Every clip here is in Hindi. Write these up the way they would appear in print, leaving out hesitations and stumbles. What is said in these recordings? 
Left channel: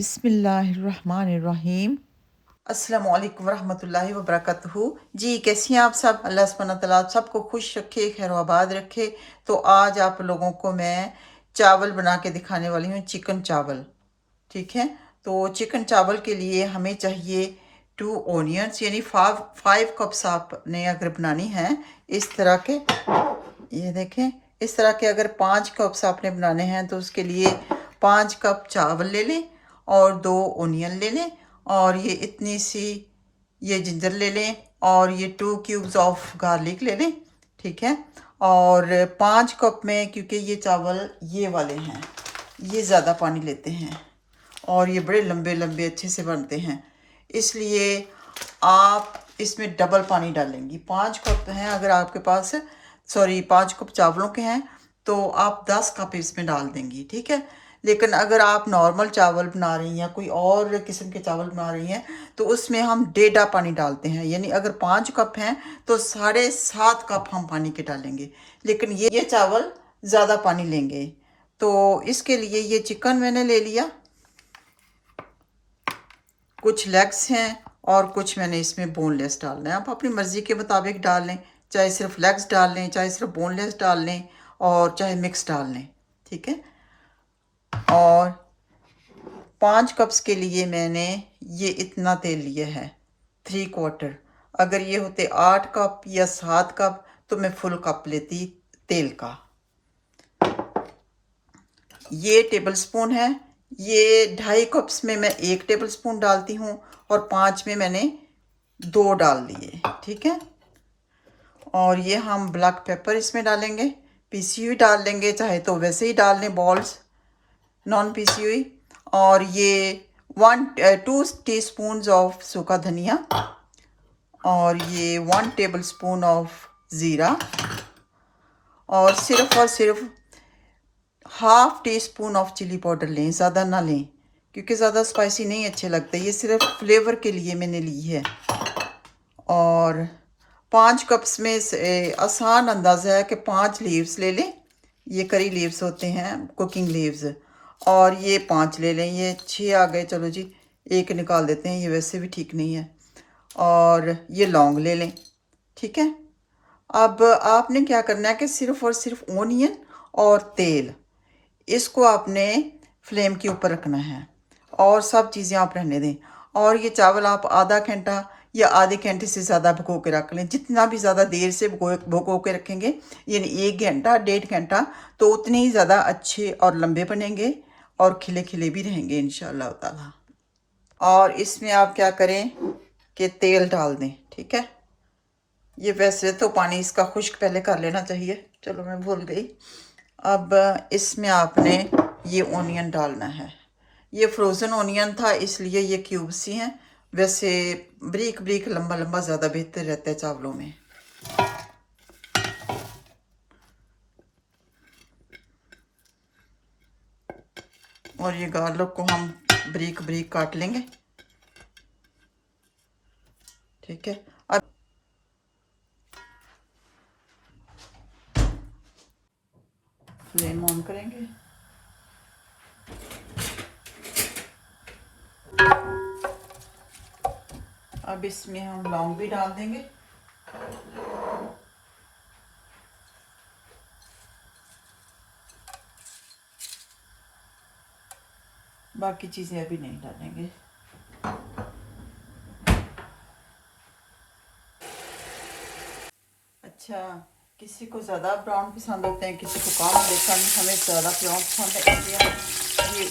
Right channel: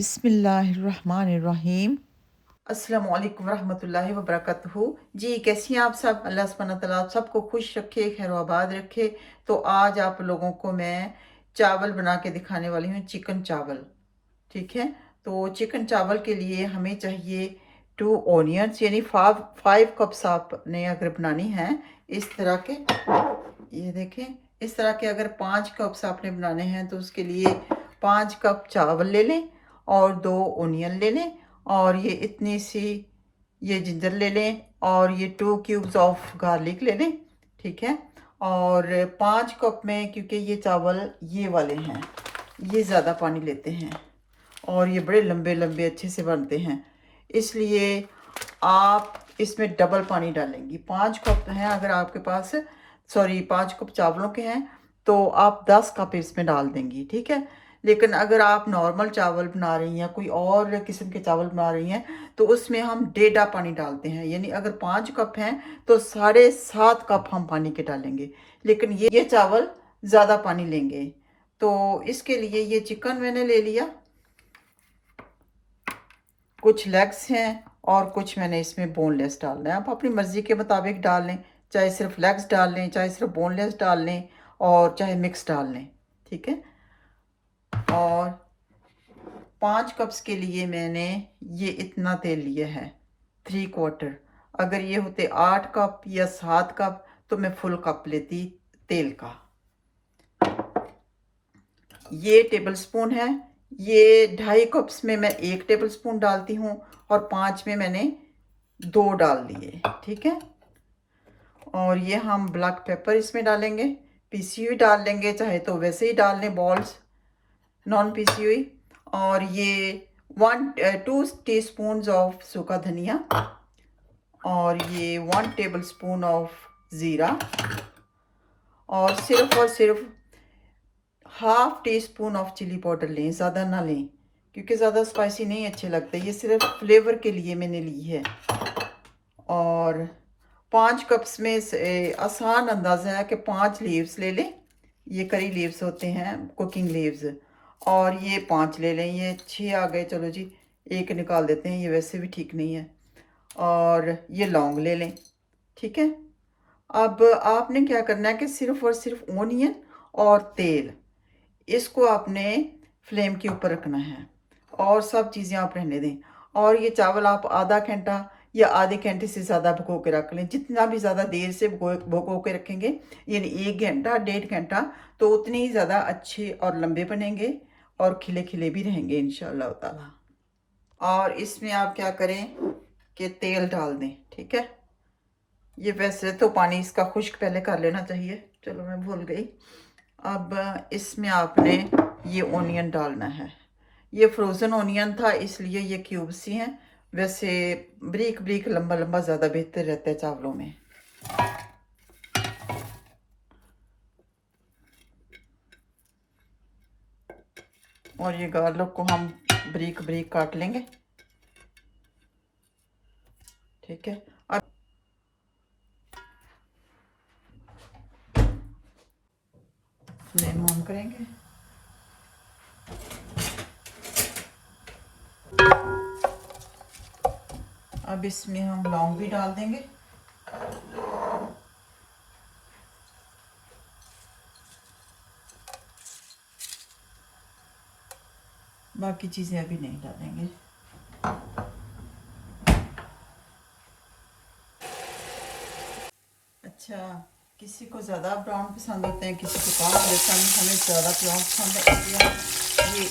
बिस्मिल्लाहिर्रहमानिर्रहीम। अस्सलामुअलैकुम वरहमतुल्लाहि वबरकातुहू। जी कैसी हैं आप सब? अल्लाह सुब्हानहू व तआला आप सबको खुश रखे, खैर आबाद रखे। तो आज आप लोगों को मैं चावल बना के दिखाने वाली हूँ, चिकन चावल। ठीक है, तो चिकन चावल के लिए हमें चाहिए 2 ऑनियंस, यानी 5 कप्स आपने अगर बनानी है इस तरह के, ये देखें इस तरह के अगर 5 कप्स आपने बनाने हैं तो उसके लिए 5 कप चावल ले लें और 2 ऑनियन ले लें और ये इतनी सी ये जिंजर ले लें और ये 2 क्यूब्स ऑफ गार्लिक ले लें। ठीक है, और 5 कप में, क्योंकि ये चावल ये वाले हैं, ये ज़्यादा पानी लेते हैं और ये बड़े लंबे लंबे अच्छे से बनते हैं, इसलिए आप इसमें डबल पानी डालेंगी। 5 कप हैं अगर आपके पास, सॉरी 5 कप चावलों के हैं तो आप 10 कप इसमें डाल देंगी। ठीक है, लेकिन अगर आप नॉर्मल चावल बना रही हैं या कोई और किस्म के चावल बना रही हैं तो उसमें हम 1.5 पानी डालते हैं, यानी अगर 5 कप हैं तो 7.5 कप हम पानी के डालेंगे, लेकिन ये चावल ज़्यादा पानी लेंगे। तो इसके लिए ये चिकन मैंने ले लिया, कुछ लेग्स हैं और कुछ मैंने इसमें बोनलेस डालना है। आप अपनी मर्ज़ी के मुताबिक डाल लें, चाहे सिर्फ लेग्स डाल लें, चाहे सिर्फ बोनलेस डाल लें और चाहे मिक्स डाल लें। ठीक है, और 5 कप्स के लिए मैंने ये इतना तेल लिया है, 3/4। अगर ये होते 8 कप या 7 कप तो मैं फुल कप लेती तेल का। ये टेबल स्पून है, ये 2.5 कप्स में मैं 1 टेबल स्पून डालती हूँ और 5 में मैंने 2 डाल दिए। ठीक है, और ये हम ब्लैक पेपर इसमें डालेंगे, पीसी हुई डाल लेंगे, चाहे तो वैसे ही डाल लें बॉल्स, नॉन पीसी हुई। और ये 2 टीस्पून ऑफ सूखा धनिया और ये 1 टेबल स्पून ऑफ ज़ीरा और सिर्फ half teaspoon of chilli powder लें, ज़्यादा ना लें क्योंकि ज़्यादा स्पाइसी नहीं अच्छे लगते, ये सिर्फ फ्लेवर के लिए मैंने ली है। और 5 कप्स में से आसान अंदाज़ा है कि 5 लीव्स ले लें, ये करी लीव्स होते हैं, कुकिंग लीव्स, और ये 5 ले लें। ये 6 आ गए, चलो जी एक निकाल देते हैं, ये वैसे भी ठीक नहीं है। और ये लौंग ले लें। ठीक है, अब आपने क्या करना है कि सिर्फ और सिर्फ ऑनियन और तेल, इसको आपने फ्लेम के ऊपर रखना है और सब चीज़ें आप रहने दें। और ये चावल आप आधा घंटा या आधे घंटे से ज़्यादा भिगो के रख लें। जितना भी ज़्यादा देर से भिगो के रखेंगे, यानी 1 घंटा 1.5 घंटा, तो उतने ही ज़्यादा अच्छे और लंबे बनेंगे और खिले खिले भी रहेंगे इंशाअल्लाह ताला। और इसमें आप क्या करें कि तेल डाल दें। ठीक है, ये वैसे तो पानी इसका खुश्क पहले कर लेना चाहिए, चलो मैं भूल गई। अब इसमें आपने ये ऑनियन डालना है, ये फ्रोज़न ऑनियन था इसलिए ये क्यूब्स ही हैं, वैसे ब्रीक ब्रीक लंबा लंबा ज़्यादा बेहतर रहता है चावलों में। और ये गार्लिक को हम ब्रीक ब्रीक काट लेंगे। ठीक है, अब फ्लेम ऑन करेंगे। अब इसमें हम लौंग भी डाल देंगे। बाकी चीज़ें अभी नहीं डालेंगे। अच्छा, किसी को ज़्यादा ब्राउन पसंद होते हैं, किसी को कम, लेकिन हमें ज़्यादा ब्राउन पसंद होती है। ये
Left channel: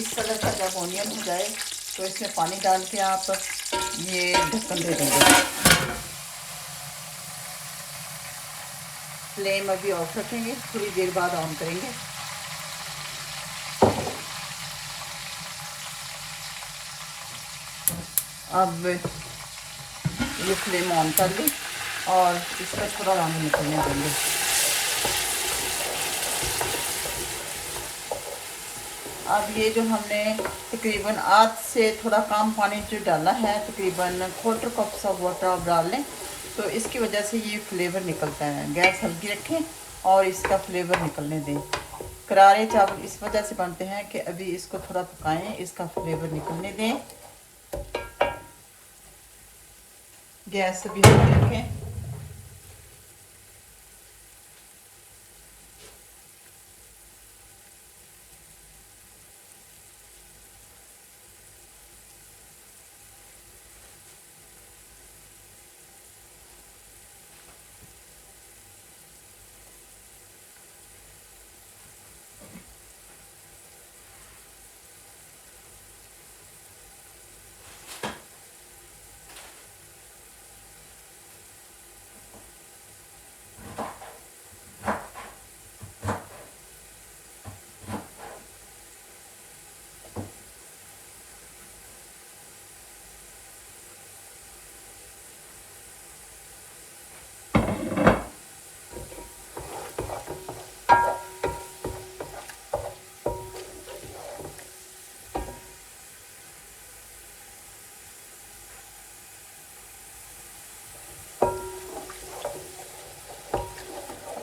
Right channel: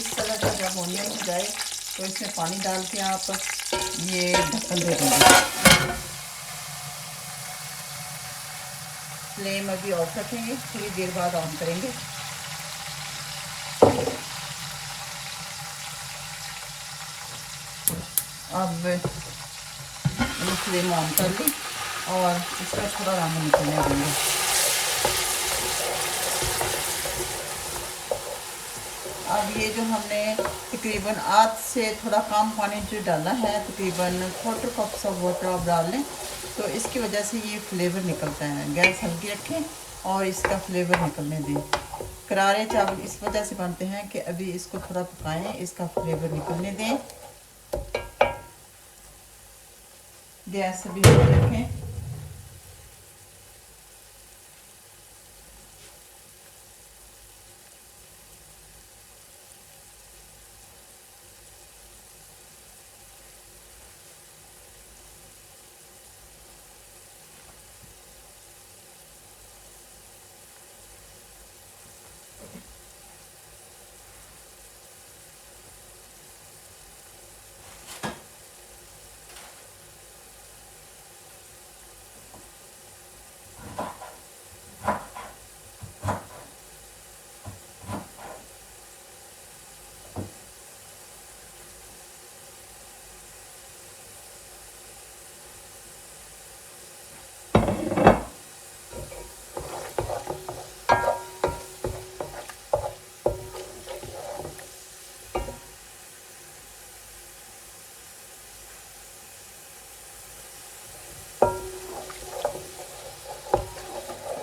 इस तरह का जब ऑनियन हो जाए तो इसमें पानी डाल के आप ये ढक्कन दे देंगे। फ्लेम अभी ऑफ रखेंगे, थोड़ी देर बाद ऑन करेंगे। अब ये फ्लेम ऑन कर लें और इसका थोड़ा रंग निकलने आएंगे। अब ये जो हमने तकरीबन आध से थोड़ा कम पानी जो डाला है, तकरीबन 1/4 कप सा वाटर आप डाल लें, तो इसकी वजह से ये फ्लेवर निकलता है। गैस हल्की रखें और इसका फ्लेवर निकलने दें। करारे चावल इस वजह से बनते हैं कि अभी इसको थोड़ा पकाएं, इसका फ्लेवर निकलने दें। गैस अभी हाई रखें।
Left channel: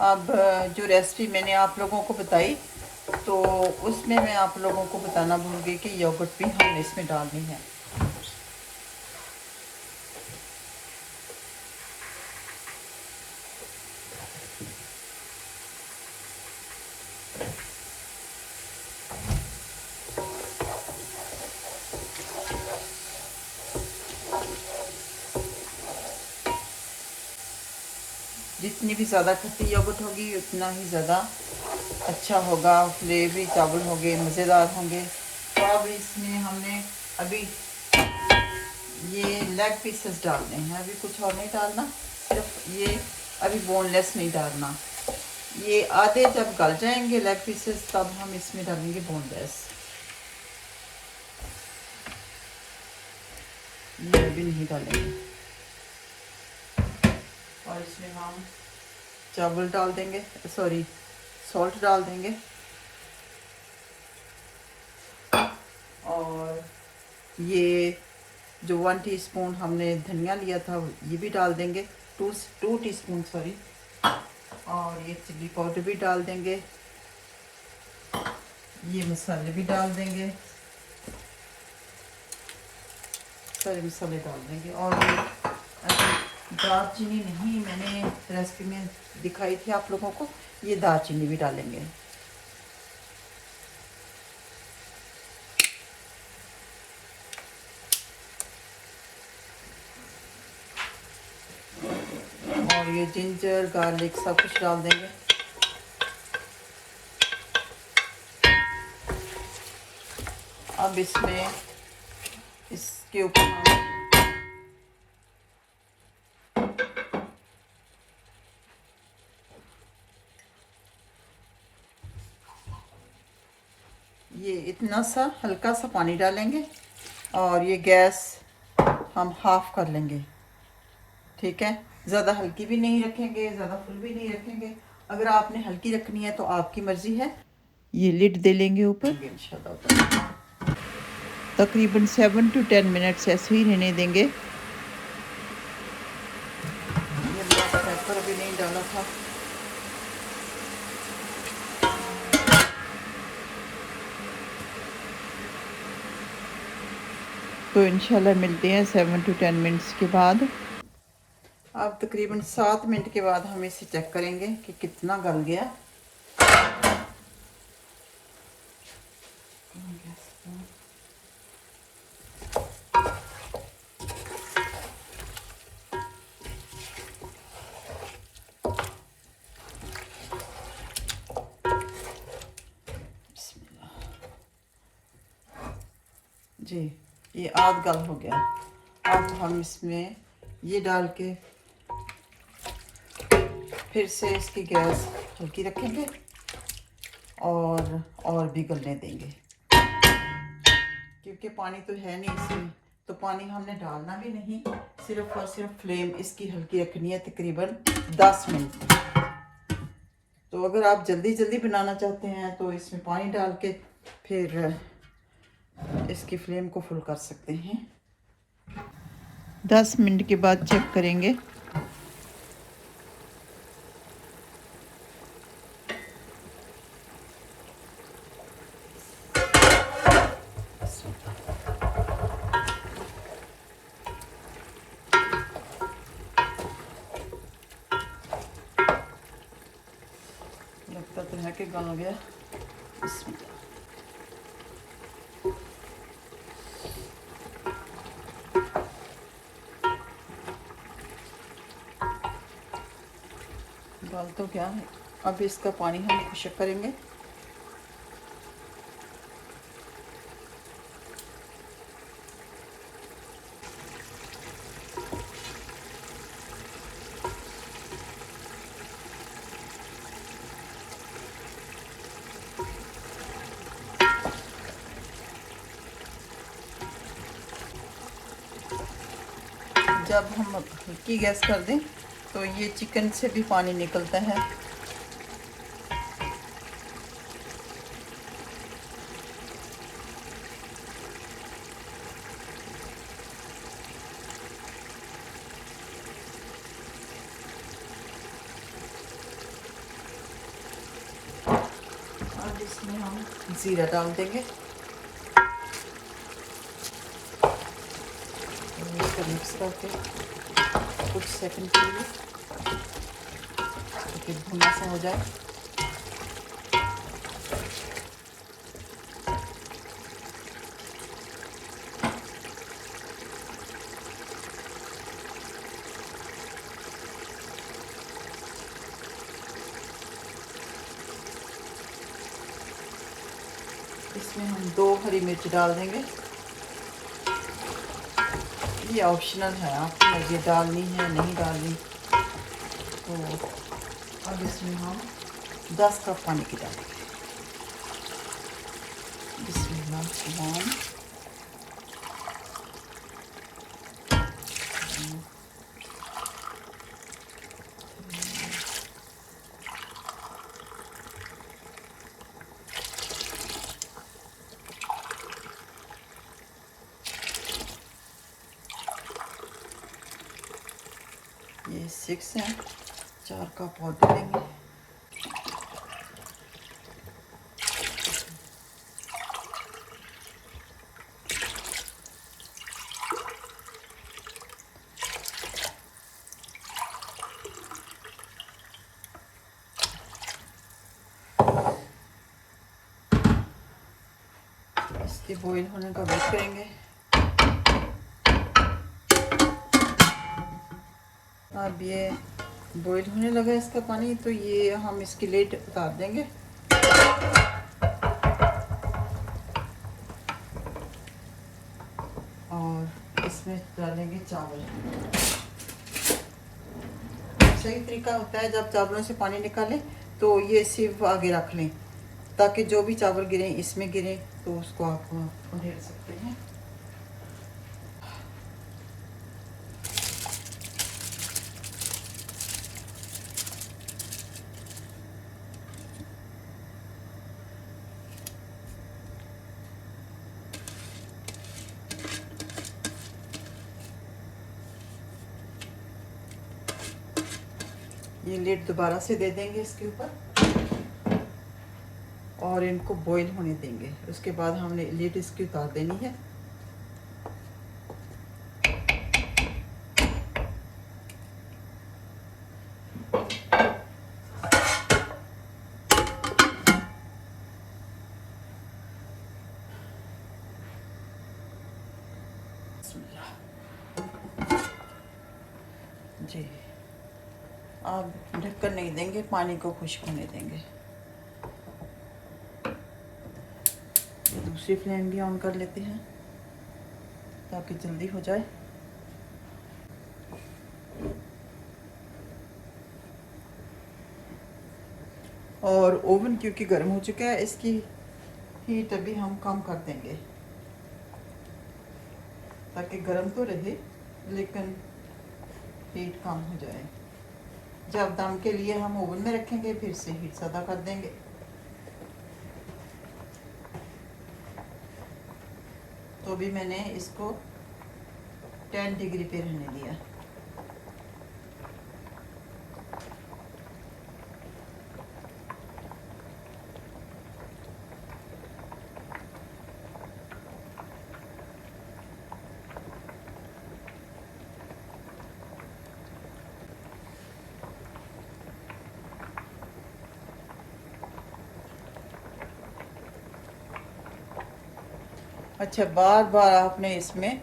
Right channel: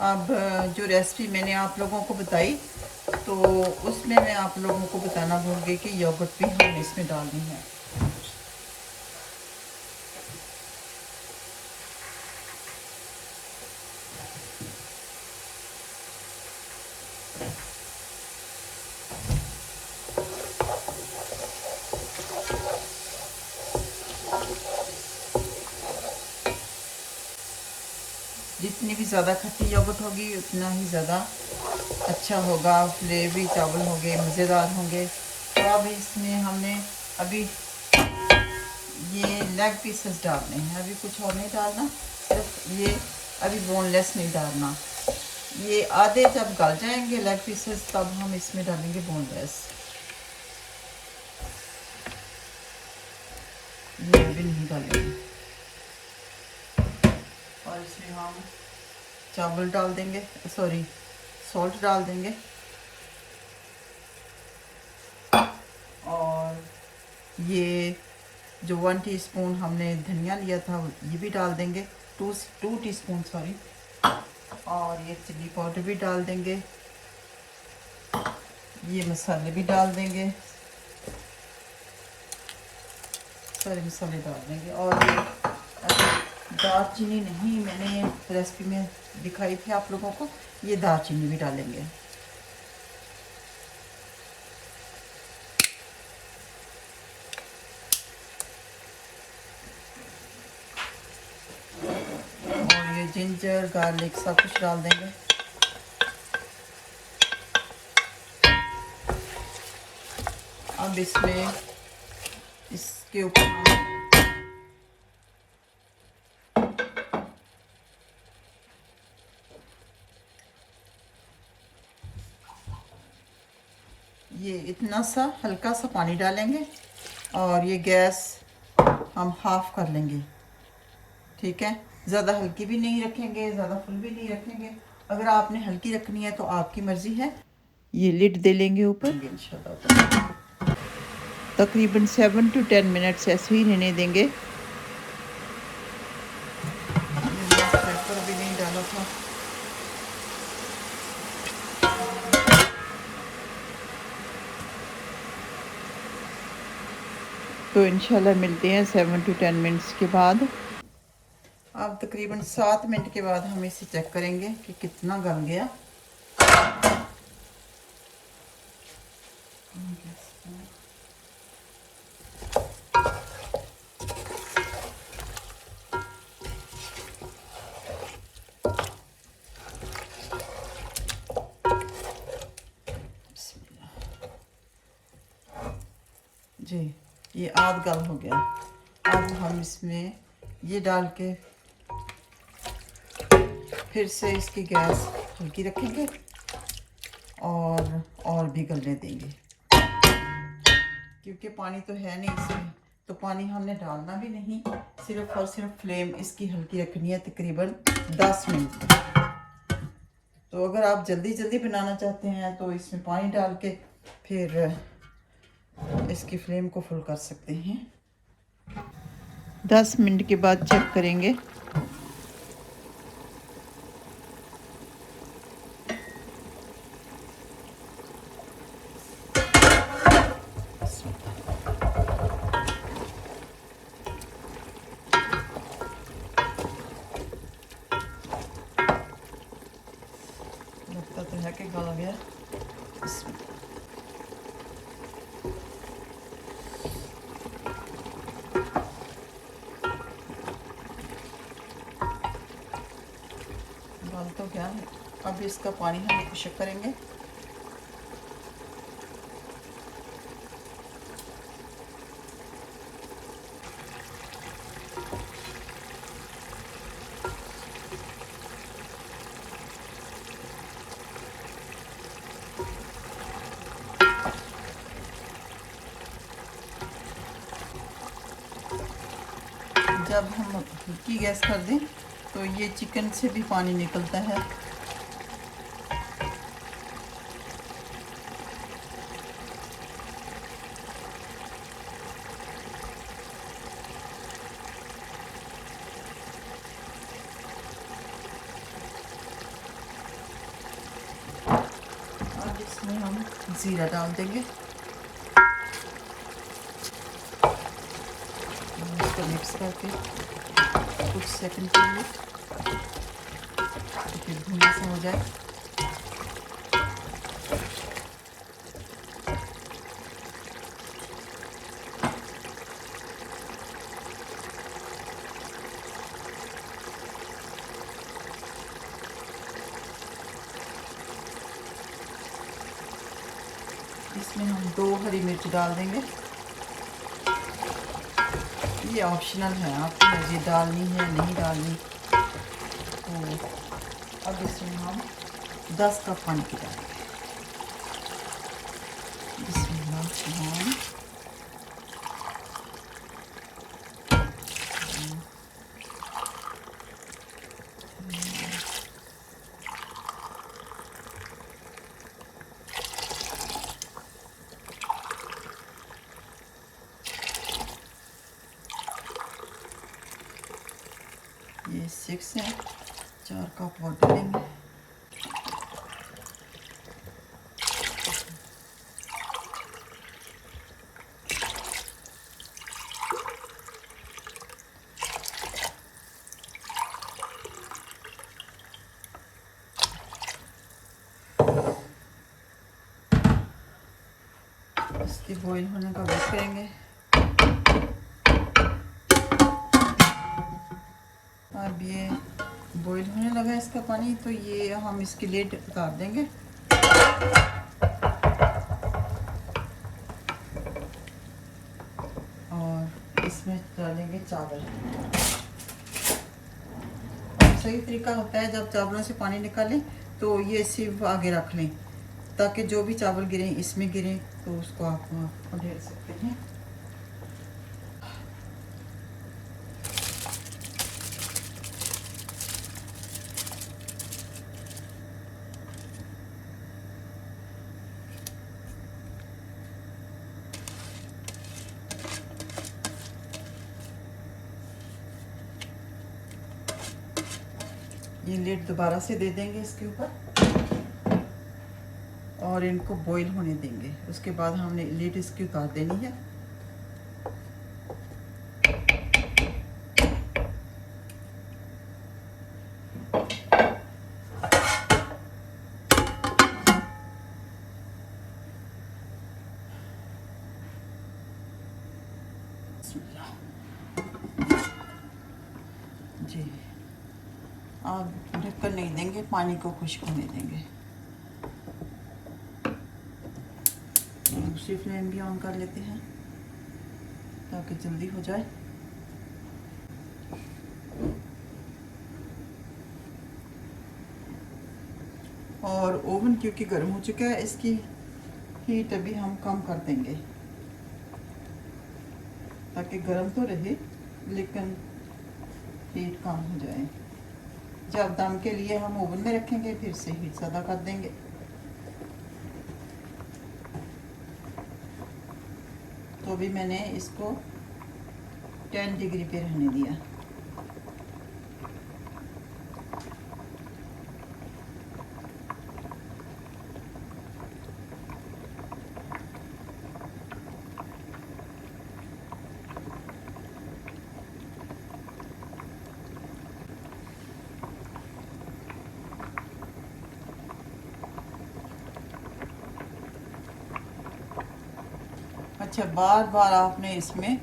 अब जो रेसिपी मैंने आप लोगों को बताई, तो उसमें मैं आप लोगों को बताना भूल गई कि योगर्ट भी हमने इसमें डालनी है। जितनी भी ज़्यादा खट्टी योगर्ट होगी उतना ही ज़्यादा अच्छा होगा, फ्लेवरी चावल होंगे, मज़ेदार होंगे। तो अब इसमें हमने अभी ये लेग पीसेस डालने हैं, अभी कुछ और नहीं डालना, सिर्फ ये अभी बोनलेस नहीं डालना। ये आधे जब गल जाएंगे लेग पीसेस तब हम इसमें डालेंगे बोनलेस। ये अभी नहीं डालेंगे। और इसमें हम चावल डाल देंगे, सॉरी सॉल्ट डाल देंगे, और ये जो 1 टीस्पून हमने धनिया लिया था ये भी डाल देंगे, 2 टीस्पून सॉरी। और ये चिल्ली पाउडर भी डाल देंगे, ये मसाले भी डाल देंगे, सारे मसाले डाल देंगे। और ये दालचीनी नहीं, मैंने रेसिपी में दिखाई थी आप लोगों को, ये दालचीनी भी डालेंगे। और ये जिंजर गार्लिक सब कुछ डाल देंगे। अब इसमें इसके ऊपर हम ये इतना सा हल्का सा पानी डालेंगे, और ये गैस हम हाफ कर लेंगे, ठीक है। ज़्यादा हल्की भी नहीं रखेंगे, ज़्यादा फुल भी नहीं रखेंगे। अगर आपने हल्की रखनी है तो आपकी मर्ज़ी है। ये लिड दे लेंगे ऊपर इंशाल्लाह। तकरीबन 7 to 10 मिनट्स ऐसे ही रहने देंगे। पेपर भी नहीं डाला था। तो इंशाल्लाह मिलते हैं 7 to 10 मिनट्स के बाद। अब तकरीबन 7 मिनट के बाद हम इसे चेक करेंगे कि कितना गल गया। जी ये आध गल हो गया। अब हम इसमें ये डाल के फिर से इसकी गैस हल्की रखेंगे और भी गलने देंगे, क्योंकि पानी तो है नहीं इसमें, तो पानी हमने डालना भी नहीं, सिर्फ और सिर्फ फ्लेम इसकी हल्की रखनी है तकरीबन 10 मिनट। तो अगर आप जल्दी जल्दी बनाना चाहते हैं तो इसमें पानी डाल के फिर इसकी फ्लेम को फुल कर सकते हैं। 10 मिनट के बाद चेक करेंगे। तो क्या है, अब इसका पानी हम चेक करेंगे। जब हम हल्की गैस कर दें तो ये चिकन से भी पानी निकलता है। अब इसमें हम ज़ीरा डाल देंगे, इसको मिक्स करके कुछ सेकंड के लिए फिर भुना सा हो जाए। इसमें हम 2 हरी मिर्च डाल देंगे। ये ऑप्शनल है, आपकी मर्जी डालनी है नहीं डालनी। तो अब इसमें हम 10 कप पानी की डालें। बिस्मिल्लाह। ये 6 है, 4 कप और डालेंगे। इसके बॉईल होने का वेट करेंगे। अब ये बॉईल होने लगा इसका पानी, तो ये हम इसकी लिड उतार देंगे। और इसमें डालेंगे चावल। सही तरीका होता है जब चावलों से पानी निकालें तो ये सिर्फ आगे रख लें, ताकि जो भी चावल गिरें इसमें गिरें, तो उसको आप ढेर सकते हैं। ये लिड दोबारा से दे देंगे इसके ऊपर और इनको बॉईल होने देंगे। उसके बाद हमने लिड इसकी उतार देनी है। जी, अब ढक्कन नहीं देंगे, पानी को खुश्क होने देंगे। दूसरी फ्लेम भी ऑन कर लेते हैं ताकि जल्दी हो जाए। और ओवन क्योंकि गर्म हो चुका है, इसकी हीट अभी हम कम कर देंगे ताकि गर्म तो रहे लेकिन हीट कम हो जाए। जब दम के लिए हम ओवन में रखेंगे फिर से हीट ज़्यादा कर देंगे। तो अभी मैंने इसको 10 डिग्री पे रहने दिया। अच्छा, बार बार आपने इसमें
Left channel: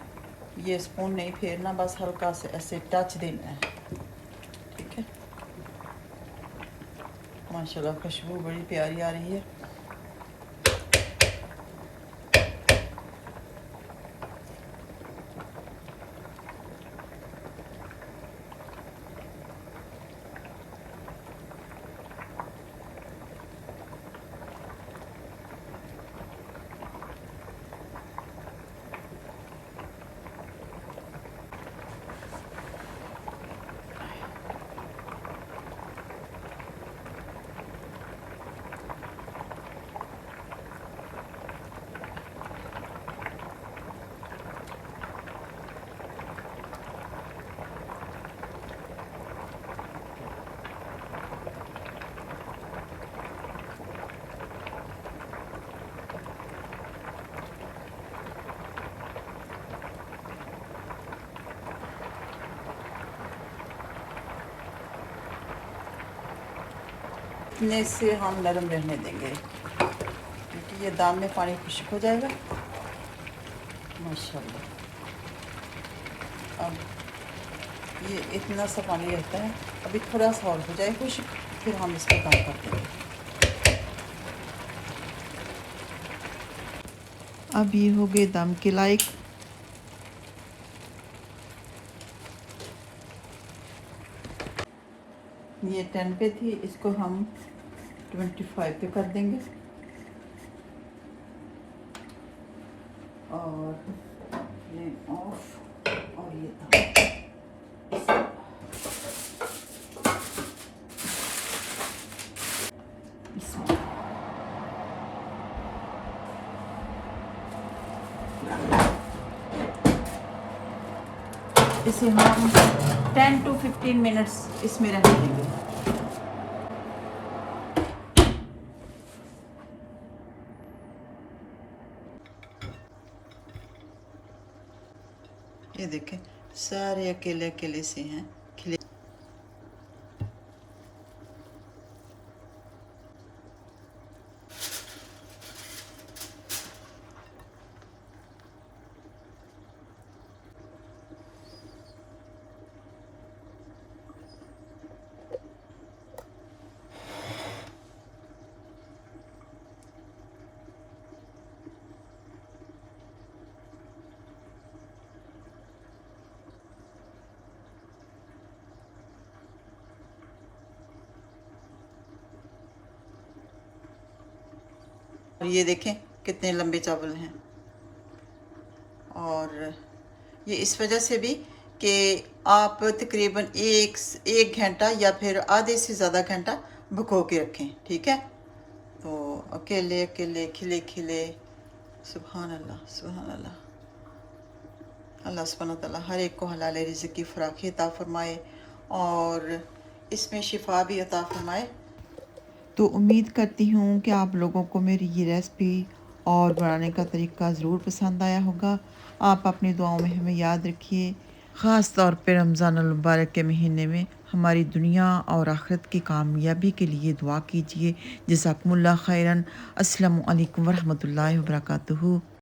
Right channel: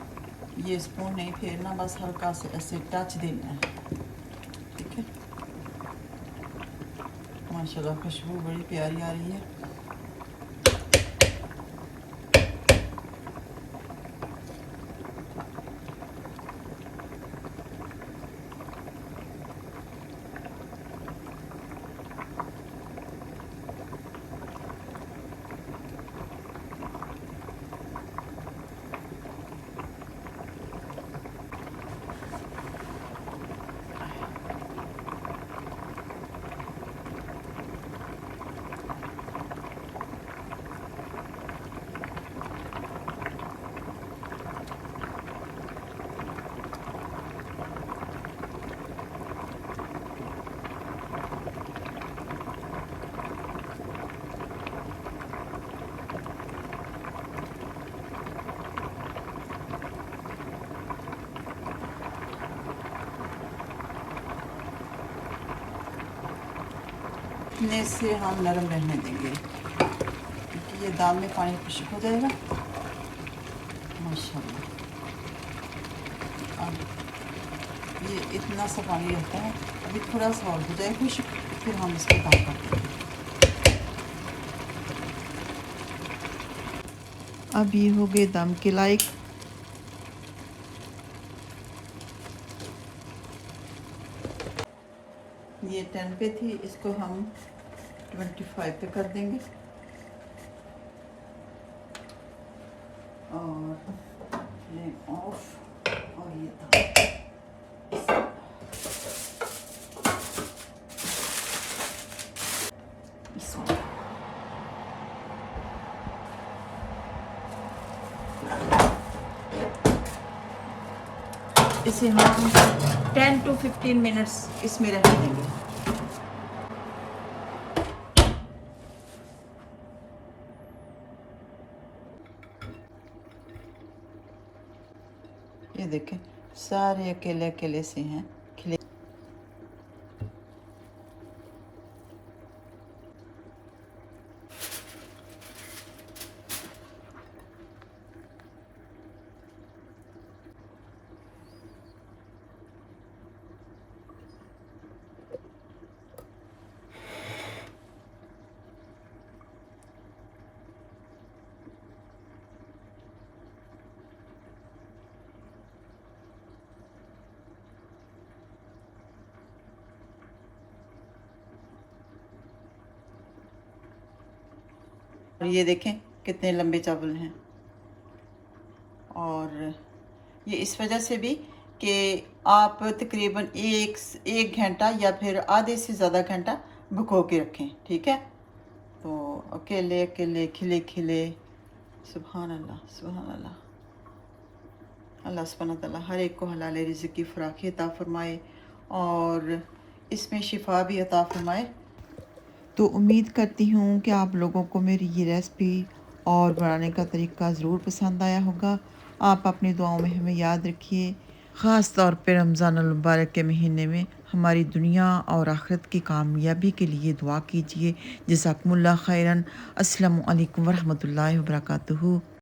ये स्पून नहीं फेरना, बस हल्का से ऐसे टच देना है, ठीक है। माशाल्लाह खुशबू बड़ी प्यारी आ रही है। इतने से हम नरम रहने देंगे क्योंकि ये दाल में पानी खुश्क हो जाएगा माशाल्लाह। अब ये इतना सा पानी रहता है, अभी थोड़ा सा और हो जाए खुश्क, फिर हम इसको कम कर देंगे। अब ये हो गए दम के लायक। ये 10 पे थी, इसको हम 25 पे कर देंगे और फ्लेम ऑफ। और ये इसे हम 10 to 15 मिनट्स इसमें रहने देंगे। ये देखें सारे अकेले अकेले से हैं खिले। ये देखें कितने लंबे चावल हैं। और ये इस वजह से भी कि आप तकरीबन एक घंटा या फिर आधे से ज़्यादा घंटा भगो के रखें, ठीक है। तो अकेले अकेले खिले खिले, सुभान अल्लाह सुभान अल्लाह। अल्लाह सुब्हानहू तआला हर एक को हलाल रिज़्क़ की फ़राखी अता फ़रमाए और इसमें शिफा भी अता फ़रमाए। तो उम्मीद करती हूँ कि आप लोगों को मेरी ये रेसिपी और बनाने का तरीका ज़रूर पसंद आया होगा। आप अपनी दुआओं में हमें याद रखिए, ख़ास तौर पे रमज़ान अल मुबारक के महीने में हमारी दुनिया और आखिरत की कामयाबी के लिए दुआ कीजिए। जज़ाकुमुल्लाह खैरन। अस्सलामु अलैकुम वरहमतुल्लाहि वबरकातुहू।